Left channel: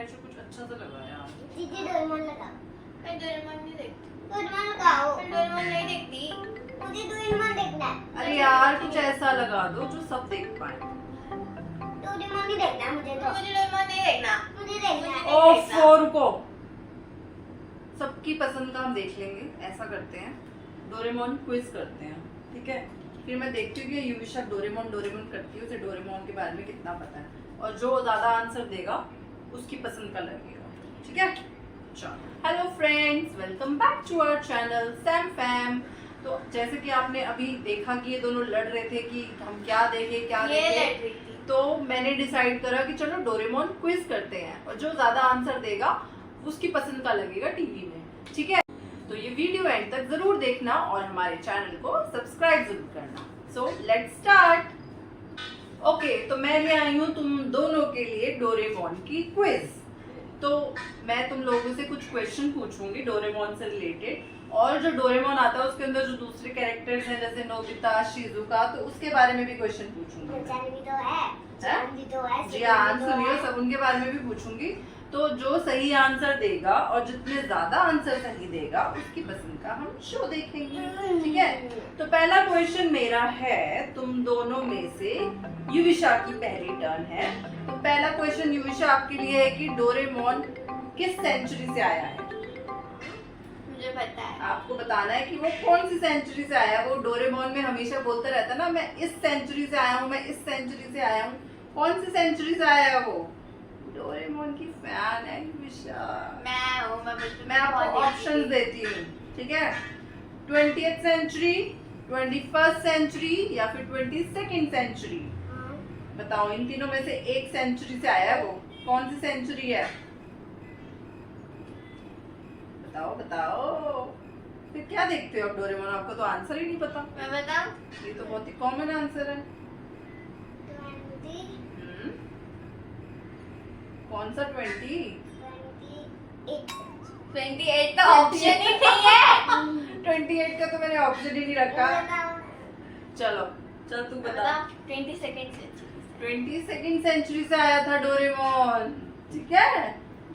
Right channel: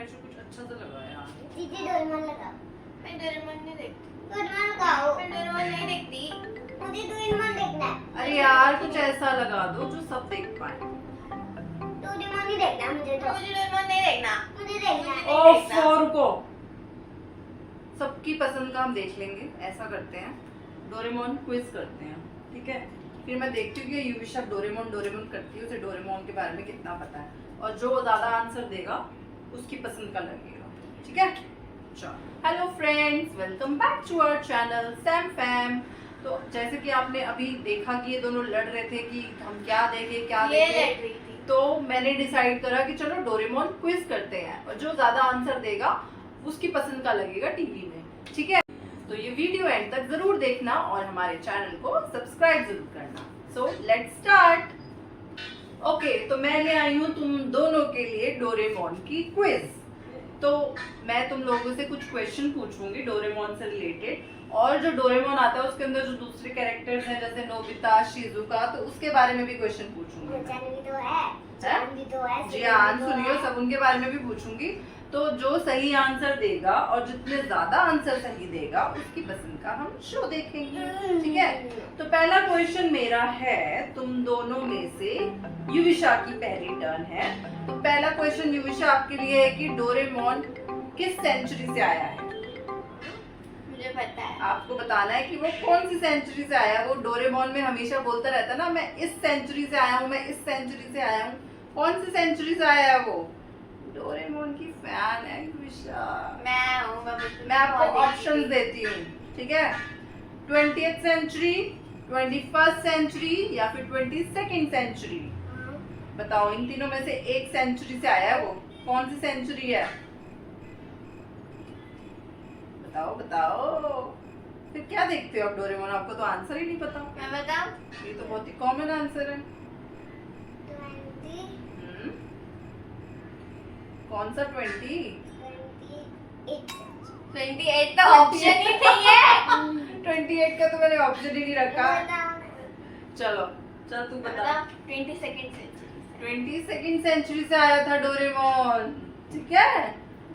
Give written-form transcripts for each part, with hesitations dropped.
ऐसे कुछ अच्छा सा लगा यार। दीदी डोरेमोन लगाओ। मैं डोरेमोन नहीं देखती। डोरेमोन लगाओ। मैं डोरेमोन नहीं देखती। मुझे डोरेमोन देखना है। अरे यार कुछ ऐसा लगा दो जो सब देख पाए। डोरेमोन नहीं देखना है मुझे तो। मुझे डोरेमोन नहीं देखना। मुझे देखना है। ओफो रुको, सबकी पसंद का हम देख लेंगे। ऐसा करते हैं, डोरेमोन क्विज करते हैं, ठीक है? फिर मैं देखती हूँ कि युविशा डोरेमोन करती है, उसे डोरेमोन के बारे में कितना पता है, और जो ज्यादा आंसर देगा उसकी पसंद का लगेगा, ठीक है? चलो, hello friends, welcome back to our channel Sam Fam. तो जैसे कि आपने अभी देखा कि ये दोनों लड़ रहे थे कि हम क्या देखें क्या ये देखें, लड़ रही थी। तो मैंने डिसाइड करा कि चलो डोरेमोन क्विज करते हैं, और जो ज्यादा आंसर देगा उसकी पसंद का लगेगा टीवी में, ठीक है? तो ये वीडियो एंड तक जरूर देखना और हमारे चैनल को सब्सक्राइब जरूर करना। So let's start. ओके, तो मैं ले आई हूँ तुम दोनों के लिए डोरेमोन की क्विज। तो मैं तुम लोगों से कुछ क्वेश्चन पूछूंगी डोरेमोन से रिलेटेड, और जो डोरेमोन आता है उसके अंदर जो दूसरे कैरेक्टर्स हैं जैसे नोबिता, शिजुका, तो उसके बारे में भी क्वेश्चन पूछूंगी मैं। जान भी तो है। जान भी तो है। जी हाँ, सुनियो, सब उनके बारे में भी पूछूंगी। तो जो सही आंसर देगा और जितने ज्यादा आंसर सही देगा उसकी पसंद का हम शो देखेंगे, ठीक है? तो पहला क्वेश्चन मेरा है, तुम दोनों में से युविशा की पहली टर्न है। तो पहला क्वेश्चन युविशा आपके लिए है कि डोरेमोन किस सेंचुरी से आया है? मुझे पता है। आपको बताना है कि वो कौन सी सेंचुरी से आया है। वो डोरेमोन में हमेशा बोलता रहता ना, मैं इस सेंचुरी से आया हूँ, मैं इस सेंचुरी से आया हूँ। कौन सी सेंचुरी से आया है वो? डोरेमोन की फैन है युविशा। मैं हूँ। मैं आपको ऑप्शंस देती हूँ, ठीक है? 20th सेंचुरी, 21st सेंचुरी या फिर 22nd सेंचुरी? बताओ, इन तीनों में से एक सेंचुरी से आया है वो। कौन सी सेंचुरी है? बताओ बताओ। फिर क्या देखते हो आप डोरेमोन? आपको तो आंसर ही नहीं पता। मैं बताऊँ? ये तो बहुत ही कॉमन आंसर है। 20, कौन सा 20? 28 तो ऑप्शन ही नहीं है। 28 का तो मैंने ऑप्शन ही नहीं रखा। चलो चल तू बता। 22nd century. 22nd सेंचुरी से आया था डोरेमोन, ठीक है?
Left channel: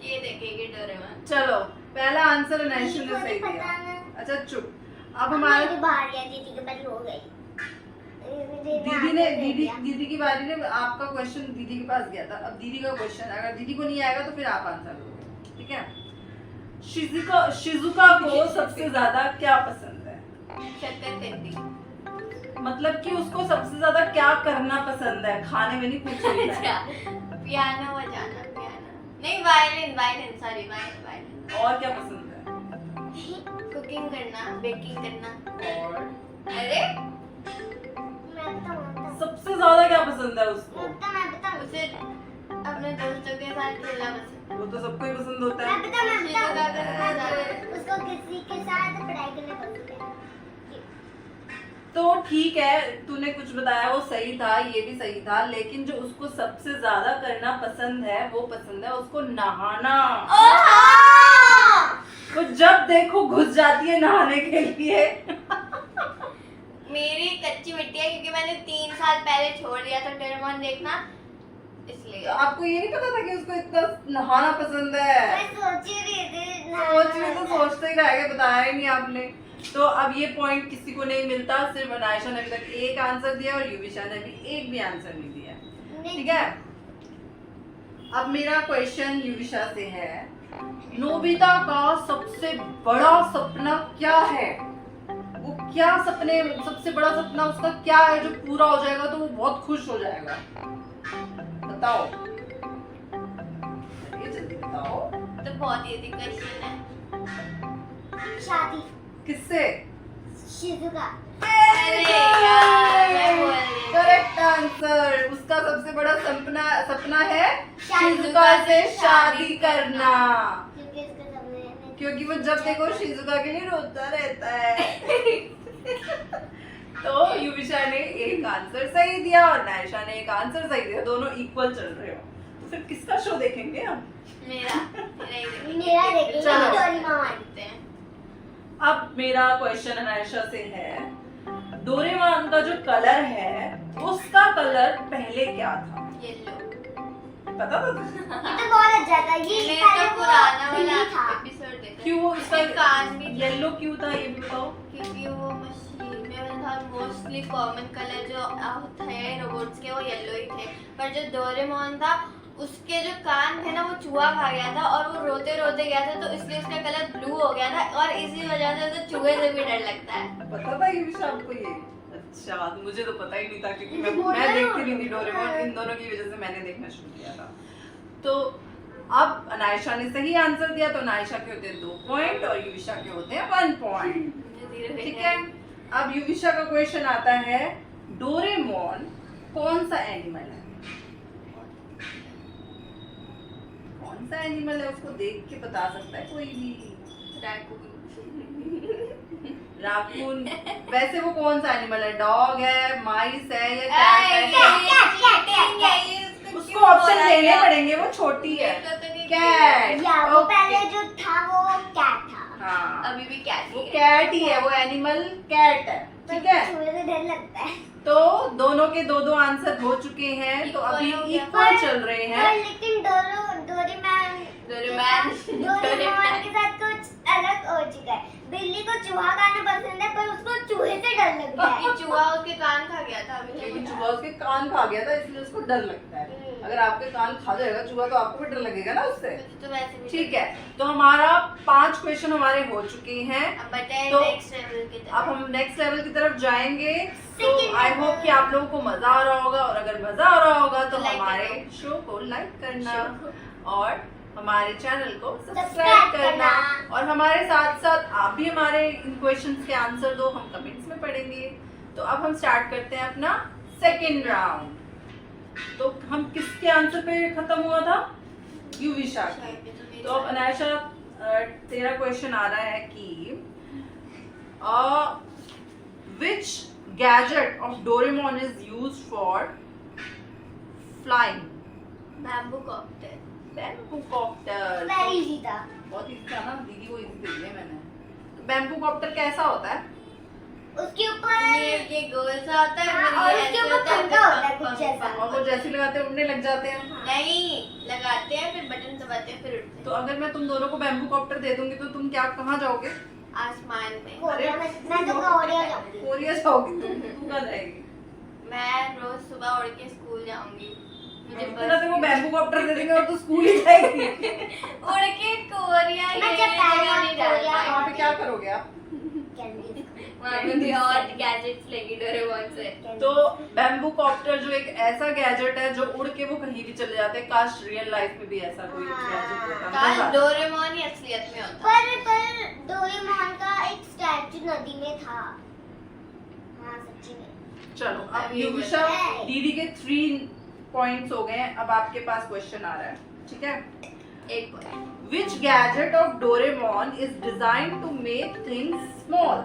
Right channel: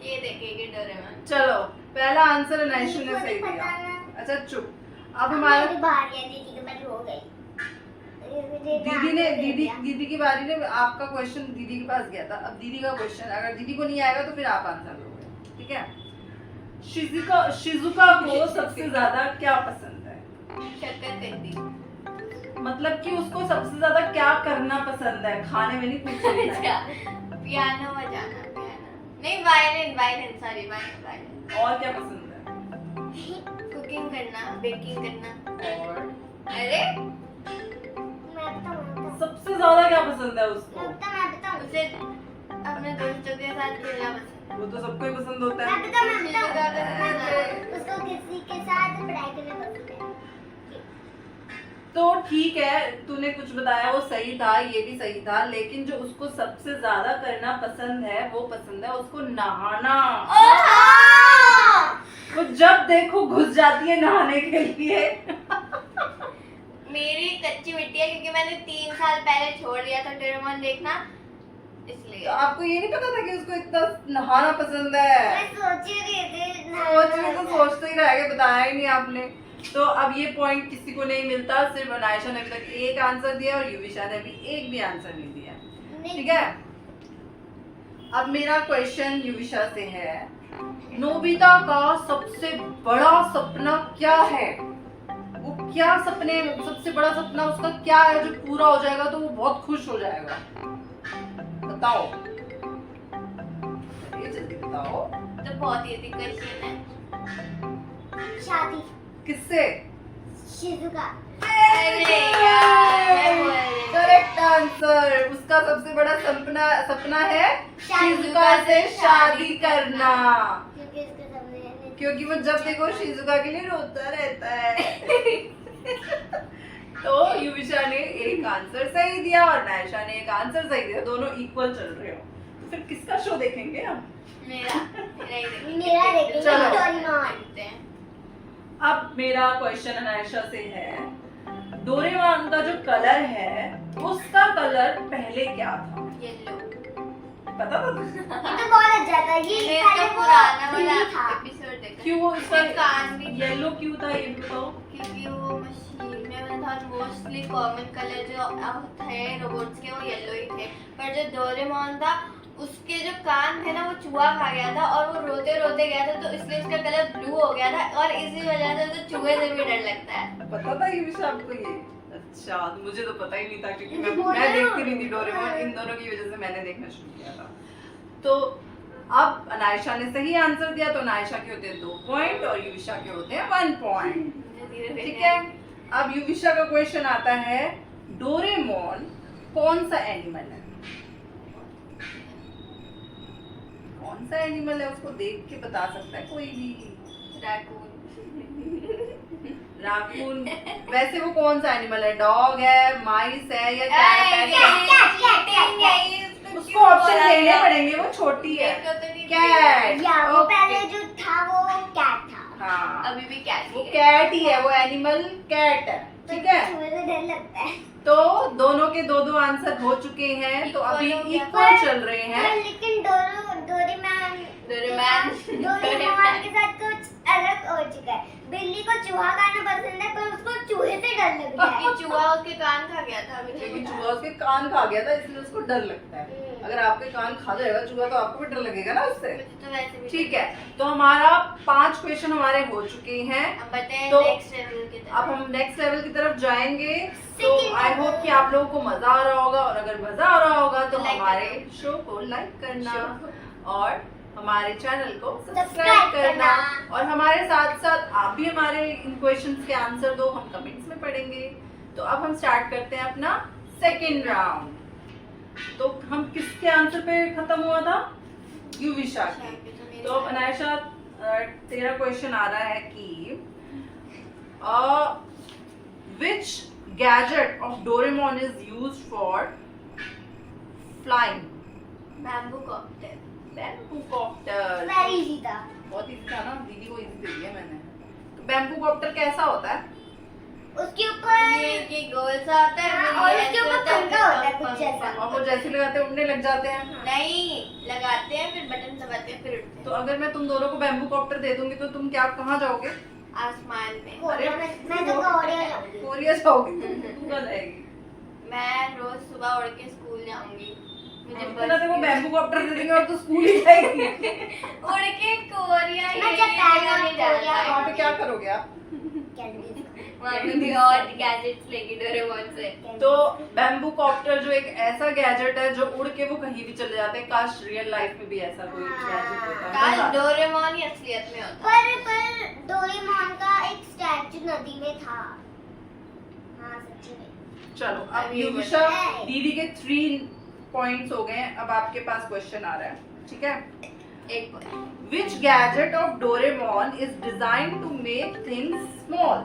ये देखेगी डोरेमोन। चलो, पहला आंसर अनायशु ने सही दिया। अच्छा चुप। अब हमारा बाहर गया, दीदी के बाद हो गई। दीदी की बारी ने आपका क्वेश्चन दीदी के पास गया था। अब दीदी का क्वेश्चन, अगर दीदी को नहीं आएगा तो फिर आप आंसर दोगे, ठीक है? शिजुका को सबसे ज्यादा क्या पसंद है? शक्करकंदी। मतलब कि उसको सबसे ज्यादा क्या करना पसंद है? खाने में नहीं पूछना है। अच्छा, पियानो बजाना। पियानो नहीं, वायलिन। Sorry, violin. और क्या पसंद है? कुकिंग करना, बेकिंग करना। और अरे सबसे ज्यादा क्या पसंद है उसको? उसे अपने दोस्तों के साथ खेलना पसंद। वो तो सबको ही पसंद होता है। उसको किसी के साथ पढ़ाई करना पसंद है। तो ठीक है, तूने कुछ बताया वो सही था, ये भी सही था, लेकिन जो उसको सबसे ज्यादा करना पसंद है वो पसंद है उसको नहाना। वो जब देखो घुस जाती है नहाने के लिए। मेरी कच्ची मिट्टी है क्योंकि मैंने 3 साल पहले छोड़ दिया था डोरेमोन देखना, इसलिए। तो आपको ये नहीं पता था कि उसको इतना नहाना पसंद है? मैं सोच ही रही थी। सोच में तो सोचते ही रह गए, बताया ही नहीं आपने। तो अब ये पॉइंट किसी को नहीं मिलता, सिर्फ अनायशा ने अभी तक एक आंसर दिया और युविशा ने भी एक भी आंसर नहीं दिया, ठीक है? अब मेरा क्वेश्चन युविशा से है, नोबिता का सबसे बड़ा सपना क्या है? वो क्या सबसे बड़ा सपना उसका क्या है जो पूरा हो जाएगा तो वो बहुत खुश हो जाएगा? बताओ, ये जल्दी बताओ। तो बहुत इजी क्वेश्चन है। शादी। किससे? शिजुका। Correct answer. उसका सबसे बड़ा सपना है शिजुका से शादी करना, क्योंकि वो जब देखो शिजुका के लिए रोता रहता है। तो युविशा ने एक आंसर सही दिया और नायशा ने एक आंसर सही दिया, दोनों इक्वल चल रहे हो। तो फिर किसका शो देखेंगे हम? मेरा चलो। देखेंगे। अब मेरा क्वेश्चन अनायशा से है, डोरेमोन का जो कलर है उसका कलर पहले क्या था? येलो। पता था तुझे? ये तो बहुत अच्छा था। ये मैंने पहले तो वो पुराना वाला बिल्ली था। एपिसोड देखा क्यों वो इसका कान भी येलो क्यों था ये भी बताओ। क्योंकि वो मशीन में मतलब मोस्टली कॉमन कलर जो होता है रोबोट्स के वो येलो ही थे, पर जो डोरेमोन था उसके जो कान थे ना वो चूहा खा गया था और वो रोते रोते गया था, तो इसलिए उसका कलर ब्लू हो गया था और इसी वजह से उसे चूहे से भी डर लगता है। पता था ये भी आपको ये? अच्छा, तो मुझे तो पता ही नहीं था क्योंकि मैं देखती नहीं थी डोरेमोन, इन दोनों की वजह से मैंने देखना शुरू किया था। तो अब अनायशा ने सही आंसर दिया, तो अनायशा के होते हैं 2 पॉइंट और युविशा के होते हैं 1 पॉइंट। ठीक है, अब युविशा का क्वेश्चन आता है, डोरेमोन कौन सा एनिमल है? कौन सा एनिमल है उसको देख के बता सकता है कोई भी? राकून। वैसे वो कौन सा एनिमल है? डॉग है, माइस है या कैट है? उसको ऑप्शन देने पड़ेंगे, वो छोटी है। कैट। या वो पहले जो था वो कैट था। हाँ, अभी भी कैट वो कैट ही है, वो एनिमल कैट है। ठीक है, मुझे तो डर लगता है। तो दोनों के 2-2 आंसर हो चुके हैं, तो अभी इक्वल चल रहे हैं। लेकिन डोरेमोन के साथ कुछ अलग हो चुका है। बिल्ली को चूहा खाना पसंद है, पर उसको चूहे से डर लगता है। चूहा उसके कान खा गया था अभी लेकिन चूहा उसके कान खा गया था, इसलिए उसको डर लगता है। अगर आपके कान खा जाएगा चूहा तो आपको भी डर लगेगा ना उससे। तो वैसे भी ठीक है, तो हमारा 5 क्वेश्चन हमारे हो चुके हैं। अब बताएं तो नेक्स्ट लेवल की तरफ। अब हम नेक्स्ट लेवल की तरफ जाएंगे। तो आई होप कि आप लोगों को मजा आ रहा होगा, और अगर मजा आ रहा होगा तो Like हमारे करो। शो को लाइक करना Show और हमारे चैनल को Subscribe सब्सक्राइब करना, करना। और हमारे साथ साथ आप भी हमारे इन क्वेश्चंस के आंसर दो, हम कमेंट्स में पढ़ेंगे। तो अब हम स्टार्ट करते हैं अपना सेकंड राउंड। तो हम किसके आंसर पे खत्म हुआ था? युविशा के। तो अब अनायशा तेरा क्वेश्चन आ रहा है कि which gadget of Doraemon is used for flying? Bamboo copter. Bamboo copter. Very easy था। बहुत इजी था ना, दीदी को इजी दे दिया मैंने। तो बैम्बू कॉप्टर कैसा होता है? उसके ऊपर ये गोल सा होता है हाँ, और उसके ऊपर पंखा होता है कुछ जैसा। और वो जैसे लगाते हैं उड़ने लग जाते हैं। नहीं, लगाते हैं फिर बटन दबाते हैं फिर उठते तो अगर मैं तुम दोनों को बैम्बू कॉप्टर दे दूंगी तो तुम क्या कहाँ जाओगे? हैं आसमान में। कोरिया में मैं तो कोरिया जाऊंगी। कोरिया जाओगी तू कहाँ जाएगी? मैं रोज सुबह उड़ के स्कूल जाऊंगी। मुझे इतना देखो बैम्बू कॉप्टर दे देंगे और तू स्कूल ही जाएगी। उड़ के कोरिया मैं ये जब पहला नहीं कोरिया जाता वहाँ पे क्या करोगे आप? कैंडी। वहाँ पे भी और गैजेट्स लेगी डोरेमोन से। तो बैम्बू कॉप्टर जो एक ऐसा गैजेट है जो उड़ के वो कहीं भी चले जाते हैं। काश रियल लाइफ में भी ऐसा कोई गैजेट होता। मजा काश आता। डोरेमोन ही असलियत में होता। पर डोरेमोन का एक स्टैचू नदी में था। हाँ सच्ची में। चलो अब अभी युविशा बताए। दीदी के 3 पॉइंट्स हो गए हैं। अब आपके पास क्वेश्चन आ रहा है, ठीक है? एक point. Which gadget of Doraemon is designed to make things small?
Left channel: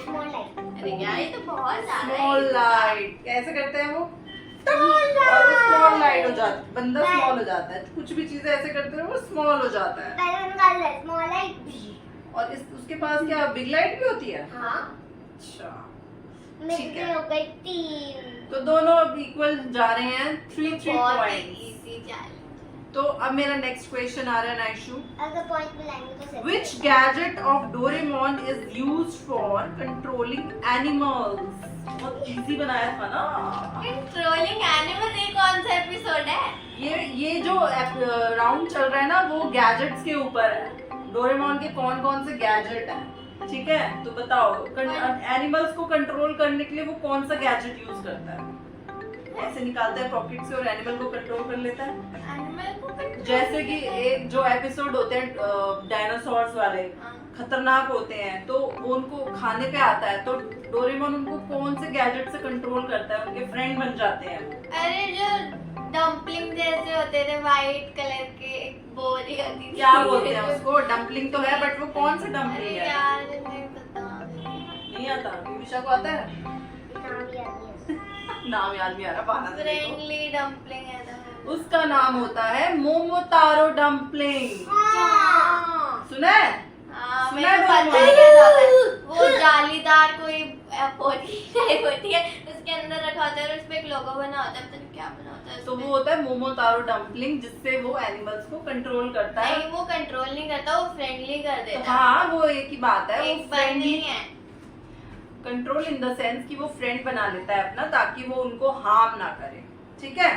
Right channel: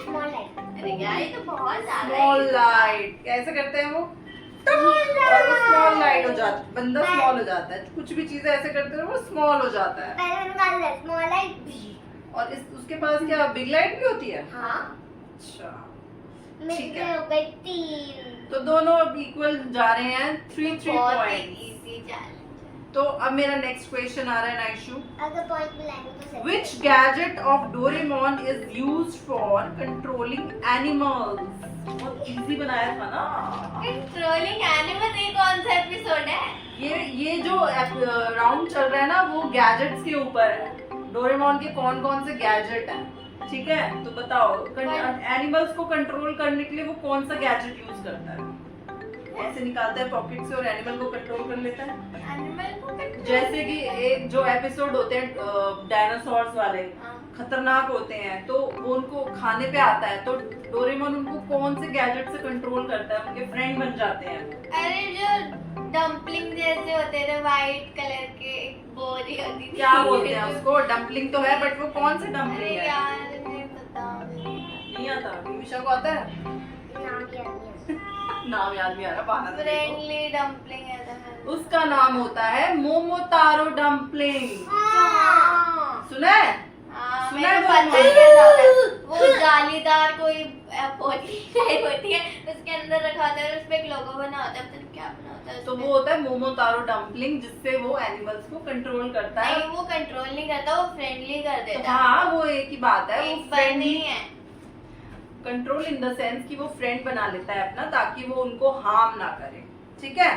Small light. अरे यार ये तो बहुत ज्यादा Small light कैसे करते हैं वो? और वो स्मॉल लाइट हो जाता है, बंदा स्मॉल हो जाता है। कुछ भी चीजें ऐसे करते हैं वो स्मॉल हो जाता है। पहले उनका लाइट स्मॉल लाइट। और उसके पास क्या बिग लाइट भी होती है? हाँ। अच्छा, मेरी है। हो गई 3। तो दोनों अब इक्वल जा रहे हैं, 3 बहुत पॉइंट्स। Easy challenge. तो अब मेरा नेक्स्ट क्वेश्चन आ रहा है नाइशू। अगर पॉइंट मिलाएंगे तो सही। Which gadget of Doraemon is used for controlling animals? बहुत इजी बनाया था ना। कंट्रोलिंग एनिमल ये कौन सा एपिसोड है? ये जो राउंड चल रहा है ना वो गैजेट्स के ऊपर है। डोरेमोन के कौन कौन से गैजेट हैं, ठीक है? तो बताओ एनिमल्स को कंट्रोल करने के लिए वो कौन सा गैजेट यूज करता है? ऐसे निकालता है पॉकेट से और एनिमल को कंट्रोल कर लेता है। एनिमल को control- जैसे कि एक जो एपिसोड होते हैं डायनासोर्स वाले, हाँ। खतरनाक होते हैं, तो वो उनको खाने पे आता है तो डोरेमोन उनको कौन से गैजेट से कंट्रोल करता है? उनके फ्रेंड बन जाते हैं वो। अरे जो डम्पलिंग जैसे होते थे व्हाइट कलर के, एक बोली होती थी। क्या बोलते हैं उसको? डम्पलिंग तो है बट वो कौन सी अरे डम्पलिंग है? यार नहीं पता। नहीं आता? युविशा को आता है? नाम याद नहीं। नाम याद नहीं आ रहा, बहाना दे दो। फ्रेंडली डम्पलिंग है तो। उसका नाम होता है मोमोतारो डम्पलिंग। हाँ। सुना है? हाँ, सुना मैंने है पता डोरेमोन? है क्या होता है। वो जालीदार कोई होती है, उसमें उसके अंदर रखा होता है और उसपे एक लोगो बना होता है, पता नहीं क्या बना होता है तो उसपे। वो होता है मोमोतारो डम्पलिंग, जिससे वो एनिमल्स को कंट्रोल करता है। नहीं, वो कंट्रोल नहीं करता, वो फ्रेंडली कर तो देता है। हाँ, वो एक ही बात है, वो एक फ्रेंडली नहीं है। कंट्रोल इन द सेंस कि वो फ्रेंड बना लेता है अपना, ताकि वो उनको हार्म ना करे। ठीक है,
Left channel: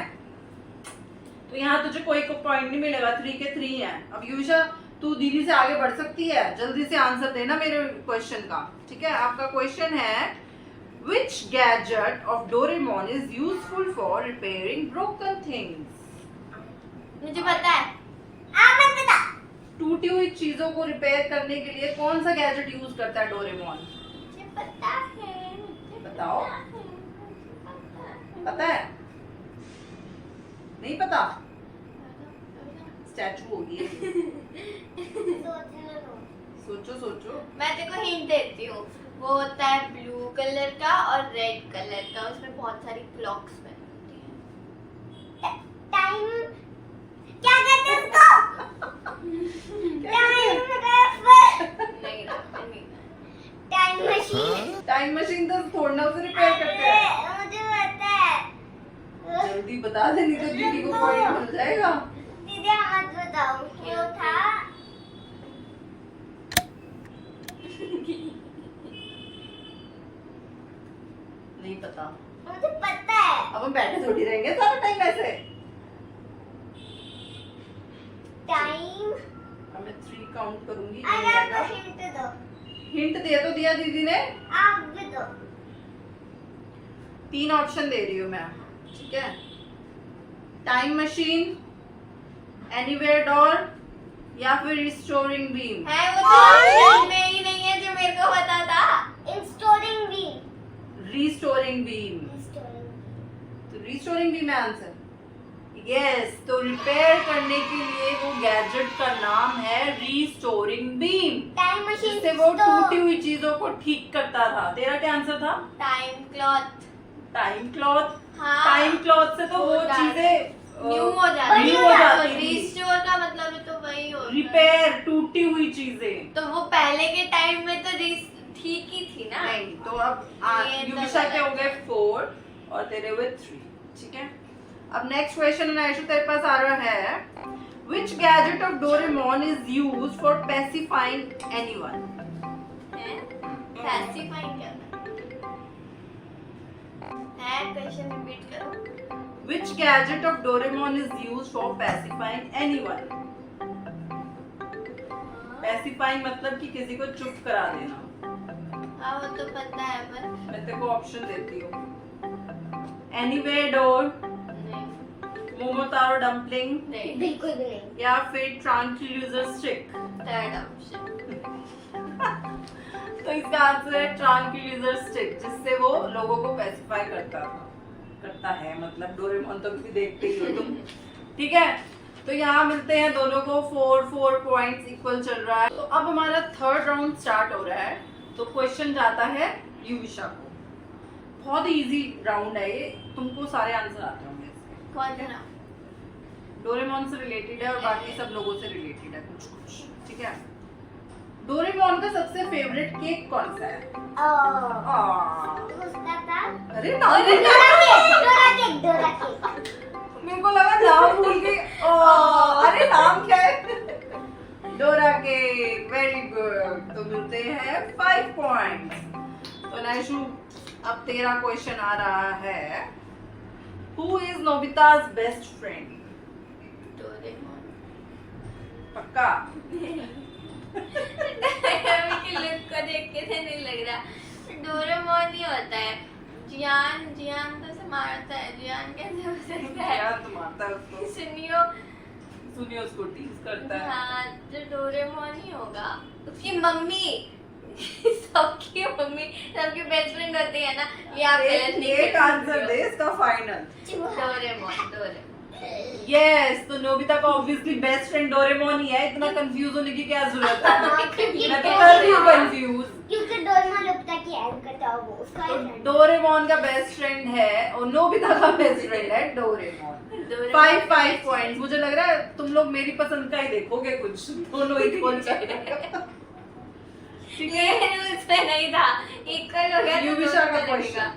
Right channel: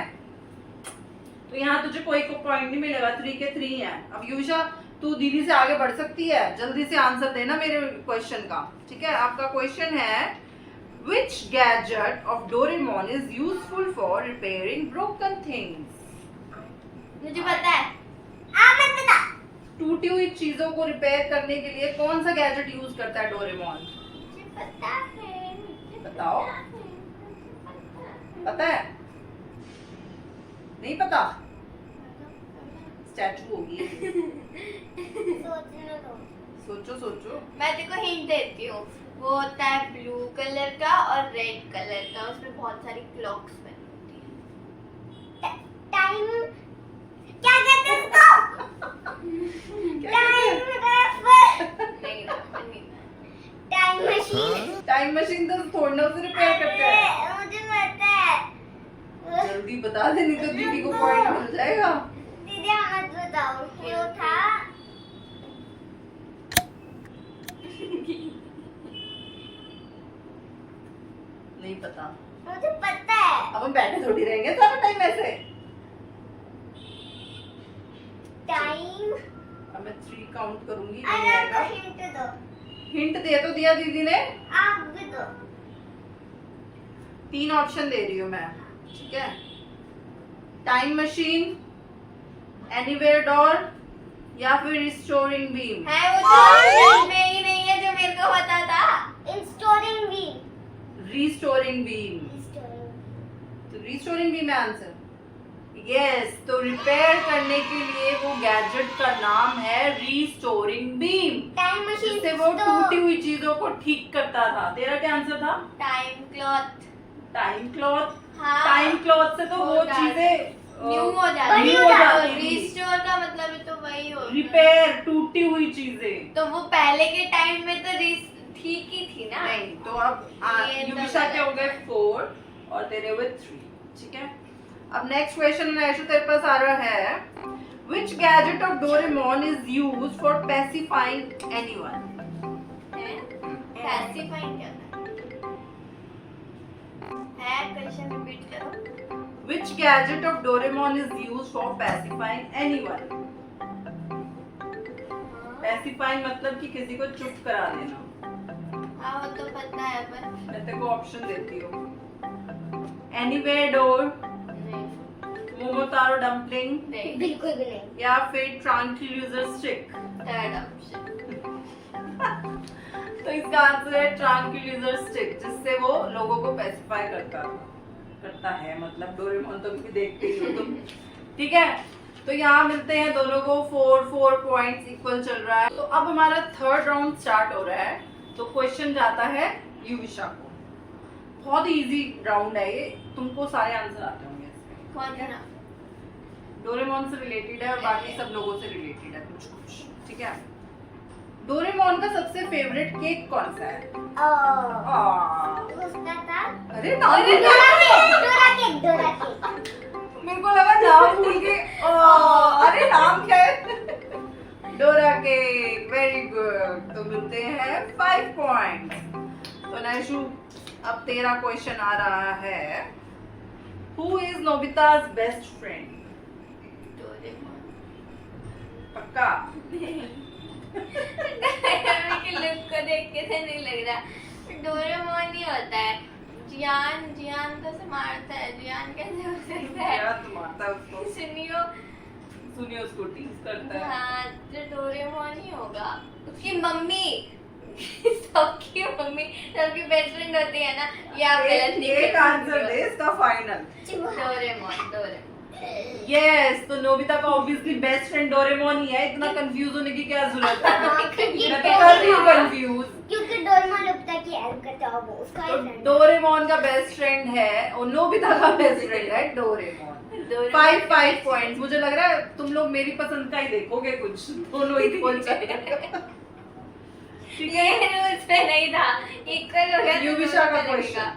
तो यहाँ तुझे कोई पॉइंट नहीं मिलेगा, 3 के 3 है। अब युविशा, तू दीदी से आगे बढ़ सकती है, जल्दी से आंसर देना मेरे क्वेश्चन का। ठीक है, आपका क्वेश्चन है Which gadget of Doraemon is useful for repairing broken things? मुझे पता है। मत बता। टूटी हुई चीजों को रिपेयर करने के लिए कौन सा गैजेट यूज करता है डोरेमोन? मुझे पता है, मुझे बताओ। पता है। पता है? नहीं पता? स्टैचू होगी ये। सोचने दो। सोचो सोचो। मैं तेरे को हिंट देती हूँ, वो होता है ब्लू कलर का और रेड कलर का, उसमें बहुत सारी क्लॉक्स बनी होती है। टाइम क्या कहते हैं उसको? टाइम नहीं नहीं, टाइम मशीन। टाइम मशीन तो थोड़ा उसे रिपेयर करते हैं। मुझे पता है। जल्दी बता दे, नहीं तो दीदी को पॉइंट मिल जाएगा। दीदी आप मत बताओ क्यों था। नहीं पता। मुझे पता है। अब हम बैठे थोड़ी रहेंगे सारा टाइम ऐसे। टाइम। अब मैं 3 काउंट करूंगी। अरे हिंट दो। हिंट दे तो दिया दीदी ने। आप भी दो। 3 ऑप्शन दे रही हूँ मैं। ठीक है, टाइम मशीन, एनीवेयर डोर, या फिर रिस्टोरिंग बीम। है वो तो में ही नहीं है जो मेरे को पता था। इंस्टोरिंग बीम। Restoring beam. तो रिस्टोरिंग बीम है आंसर। यस, तो रिपेयर करने के लिए वो गैजेट का नाम है रिस्टोरिंग बीम, टाइम मशीन जिससे वो टूटी हुई चीजों को ठीक करता था। तेरा क्या आंसर था? Time cloth. Time cloth. हाँ, टाइम क्लॉथ से तो वो हो जाता है। चीजें न्यू हो न्यू जाती हो जाती थी। रिस्टोर का मतलब तो वही होता है। रिपेयर, टूटी हुई चीजें। तो वो पहले के टाइम में तो ठीक ही थी ना। नहीं, तो अब ये तो युविशा के गलत। हो गए 4 और तेरे हुए 3। ठीक है, अब नेक्स्ट क्वेश्चन आयशु तेरे पास आ रहा है। Which gadget of Doraemon is used for pacifying anyone? Pacifying क्या है? क्वेश्चन रिपीट करो। Which gadget of Doraemon is used for pacifying anyone? Pacifying मतलब कि किसी को चुप करा देना। हाँ वो तो पता है पर मैं तेरे को ऑप्शन देती हूँ। एनीवेयर डोर, नहीं मोमोतारो डम्पलिंग, नहीं। बिल्कुल भी नहीं। या फिर ट्रांक्विलाइजर स्टिक। Third option. तो इसका आंसर है ट्रांक्विलाइजर स्टिक, जिससे वो लोगों को पैसिफाई करता है। मतलब डोरेमोन तो भी देखते ही हो तुम। ठीक है, तो यहाँ मिलते हैं दोनों को 4 पॉइंट्स इक्वल चल रहा है। तो अब हमारा थर्ड राउंड स्टार्ट हो रहा है। तो क्वेश्चन जाता है युविशा को। बहुत इजी राउंड है ये, तुमको सारे आंसर आते होंगे इसके। कौन सा? डोरेमोन से रिलेटेड है और बाकी सब लोगों से रिलेटेड है कुछ कुछ। ठीक है, डोरेमोन का सबसे फेवरेट केक कौन सा है? उसका था अरे नाम डोरा केक। Dora cake. मेरे को लगा नाम भूल गई। अरे नाम क्या है? Dora cake. Very good. तो मिलते हैं 5 पॉइंट। तो नैशु, अब तेरा क्वेश्चन आ रहा है। Who is Nobita's best friend? Doraemon. पक्का? के लुक को देख के तो नहीं लग रहा डोरेमोन ही होता है। जियान तो से मारता है। जियान कैसे हो सकता है? यार तुम मारता है उसको। सुनिए उसको टीज करता है। हाँ, तो डोरेमोन ही होगा। उसकी मम्मी सबकी मम्मी सबकी बेस्ट फ्रेंड होती है ना। ये आप गलत नहीं एक कर आंसर सकते दे हो। इसका फाइनल। डोरेमोन। यस, तो नोबिता का ऑब्वियसली बेस्ट फ्रेंड डोरेमोन ही है। इतना कंफ्यूज होने की क्या जरूरत है? मैं तो कर रही हूँ कंफ्यूज। क्योंकि डोरेमोन नोबिता की हेल्प करता है, वो उसका तो ही friend है। डोरेमोन का बेस्ट फ्रेंड है और नोबिता का बेस्ट फ्रेंड है डोरेमोन। 5 पॉइंट्स। मुझे लग रहा है तुम लोग मेरी पसंद का ही देखोगे, कुछ दोनों इक्वल चल रहे हैं। ठीक है, ये रूल्स में नहीं था। इक्वल हो गया तो युविशा का दोनों क्वेश्चन।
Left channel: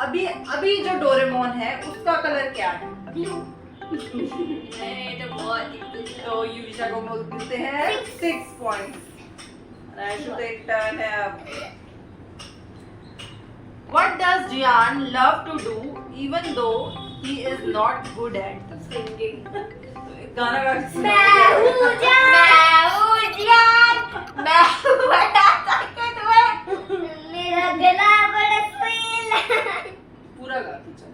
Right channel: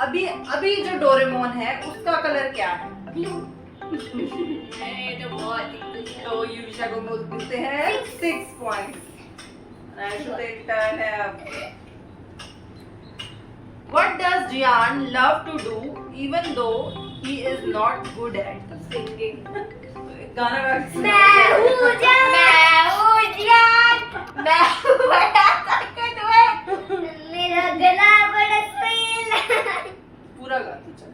अभी अभी जो डोरेमोन है उसका कलर क्या है? नहीं तो बहुत तो युविशा को मिलते हैं 6 पॉइंट्स। आयशु तो एक टर्न है अब। What does Jian love to do even though he is not good at singing. गाना गा के सुनाओ। मैं हूँ जान, मैं हूँ बड़ा ताकतवर। मेरा गला बड़ा सुरीला। पूरा गा के चल।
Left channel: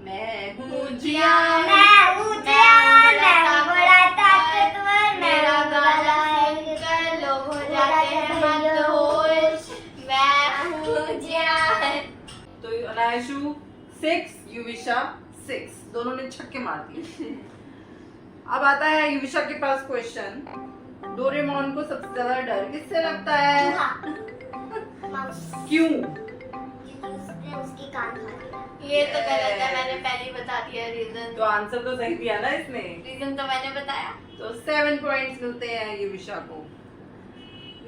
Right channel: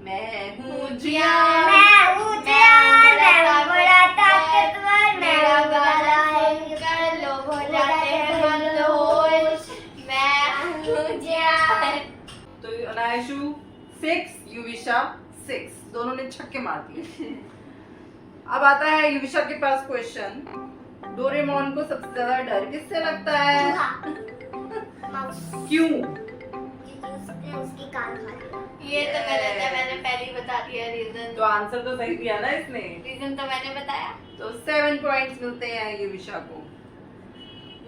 मैं हूँ जियान, मैं हूँ जान, मैं बड़ा ताकतवर। मेरा गाना सुनकर लोग हो जाते हैं मदहोश। मैं हूँ जान। तो अनायशु 6, युविशा 6, दोनों ने छक्के मार दिए। अब आता है युविशा के पास क्वेश्चन। डोरेमोन को सबसे ज्यादा डर किससे लगता है? क्यों? उसकी कान खा ये तो गलत है, मैंने पहले ही बता दिया रीजन। तो आंसर तो सही दिया ना इसने। रीजन तो मैंने बताया। तो 7 पॉइंट्स मिलते हैं युविशा को।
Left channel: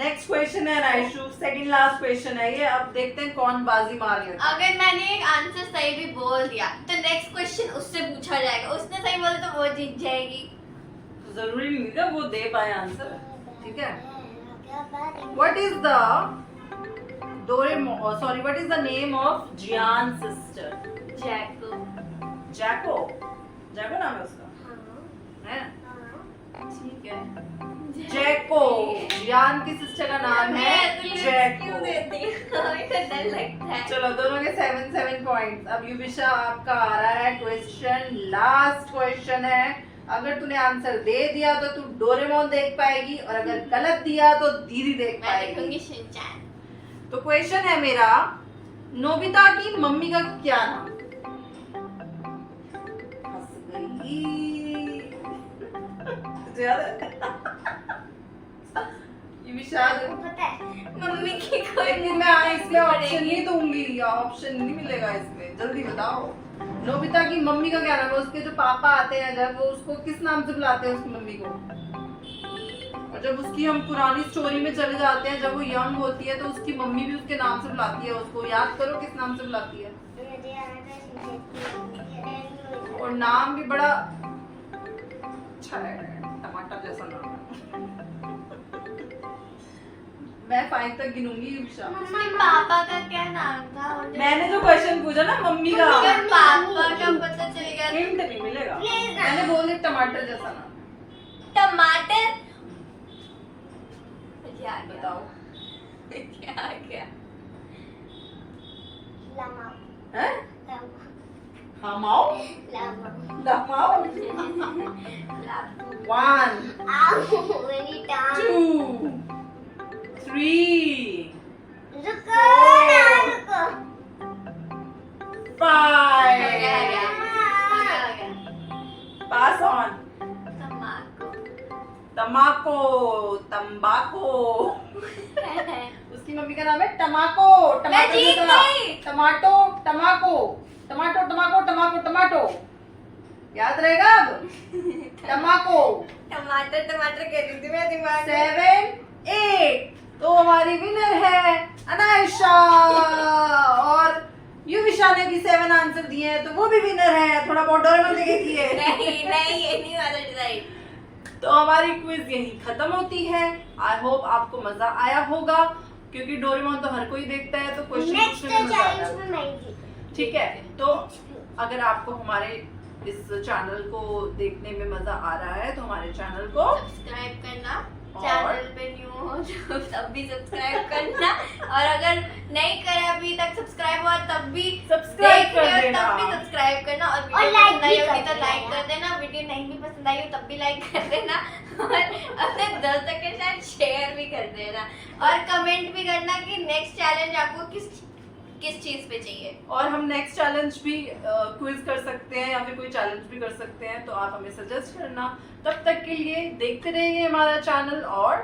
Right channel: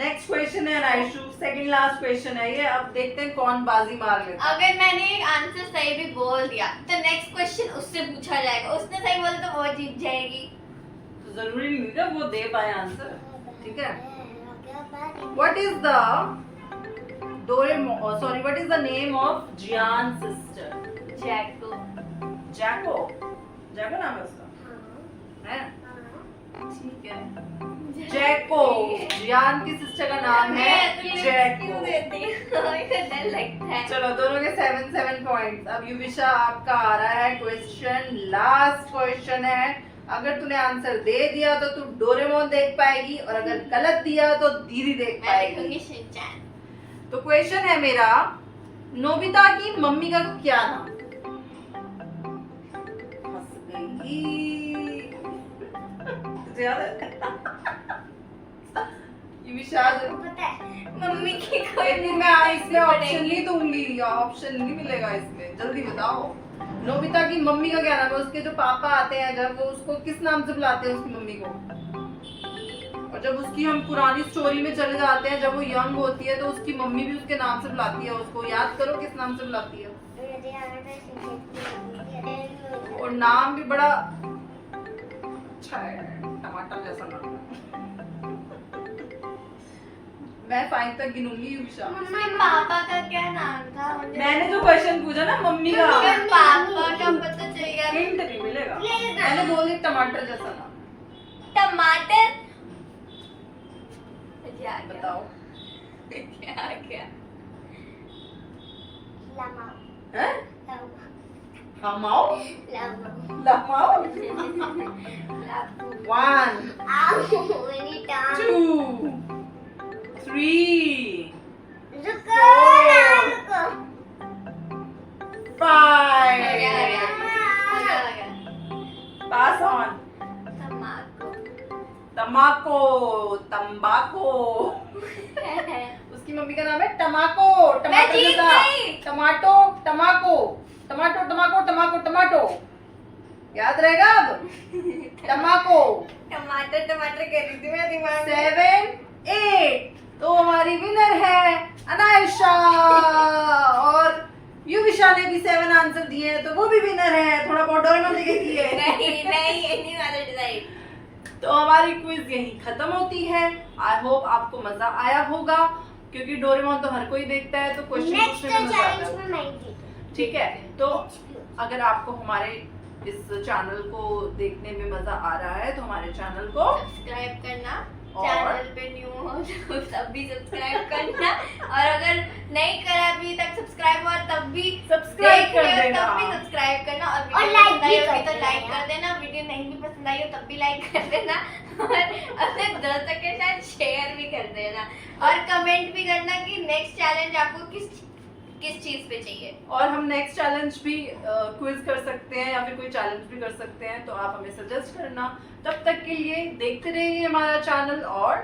नेक्स्ट क्वेश्चन है अनायशु, सेकंड लास्ट क्वेश्चन है ये। अब देखते हैं कौन बाजी मार लेता है। अगर मैंने एक आंसर सही भी बोल दिया तो नेक्स्ट क्वेश्चन उससे पूछा जाएगा, उसने सही बोला तो वो जीत जाएगी। तो जरूरी नहीं था वो दे पाए आंसर, ठीक है। What is the what is the name of Jian's sister? जैको। जैको। जैको नाम है उसका, है? ठीक है। जैको, जियान की सिस्टर का नाम है जैको। डर लगता है। चलो दोनों के 7 पॉइंट्स। अब युविशा आपका आ रहा है क्वेश्चन, लास्ट क्वेश्चन है। अगर तूने आंसर दे दिया तो तू डोरेमोन देख पाएगी, और अगर गलत दिया तो दीदी देख मैं देखूंगी पाएगी। शिनचैन। तो क्वेश्चन है मेरा, नोबिता की मम्मी का क्या नाम? हंस गई। तुझे याद है? युविशा पता है मम्मी की कोई लेकिन मैं इसमें ऑप्शन नहीं दूंगी, ऑप्शन नहीं मिलेगा इसमें। जल्दी बताओ, नोबिता की मम्मी का क्या नाम है? उसके जो पापा आते हैं जब, वो उसको किस नाम से बुलाते हैं उसकी मम्मी को? और जब उसकी हम पुरानी स्टोरी में चले जाते हैं, जब वो यंग होती है तो उसकी मम्मी भी उसके नाम से बुलाती है उसको। याद करो किस नाम से बुलाती है। और नाम भी बड़ा अच्छा है, टमाटर जैसा नाम है। मैं 5 तक गिनूंगी युविशा। उसके पापा का क्या नाम था? मैंने जो क्वेश्चन पूछा ना मम्मी का, अगर पापा का पता चल गया हिंट नहीं मिलेगा। मैंने बोली टमाटर जैसा नाम। टमाटर। क्या बताओ क्या क्या? हैं? हमाओ लमाओ। 1 2 3 5 पास ऑन। तमाको, तंबाको। उसकी मम्मी का नाम है टमाको, टमाटर जीत जैसा। गई। टमाटो, टमाको, टमाटो, टमाको, टमाको, टमाटो। याद रहेगा अब? टमाको। टमाटर टमाटर कह रही थी मेरे दिमाग में। 7 8। तो हमारी विनर है अनायशा, और युविशा ने भी 7 आंसर दिए हैं, तो वो भी विनर है। थोड़ा बहुत डोरेमोन देखे किए। नहीं नहीं, ये नहीं वाला डिजाइन। तो हमारी क्विज यही खत्म होती है। आई होप आपको मजा आया होगा, क्योंकि डोरेमोन तो हर कोई देखता है, तो क्वेश्चन पूछने में मजा आता है। ठीक है, तो अगर आपको हमारे इस चैनल को देखने में मजा आ रहा है तो हमारे चैनल को सब्सक्राइब करना, और- चैनल पे न्यू हो तो तब भी सब्सक्राइब करना, और अगर नहीं करा अभी तक सब्सक्राइब हुआ तब भी सब्सक्राइब देख रहे कर हो देना। तब भी सब्सक्राइब करना, और वीडियो like पसंद आई भी होगी कर तो लाइक देना। कर देना, वीडियो नहीं भी पसंद आई हो तब भी लाइक कर देना, और अपने दोस्तों के साथ शेयर भी कर देना, और कमेंट भी करना कि नेक्स्ट चैलेंज आपको किस चीज पे चाहिए। और हम नेक्स्ट चैलेंज भी क्विज कर सकते हैं, या फिर कोई चैलेंज भी कर सकते हैं, तो आप हमें सजेस्ट करना। तब तक के लिए देखते रहिए हमारा चैनल, और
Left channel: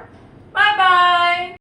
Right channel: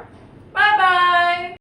बाय बाय।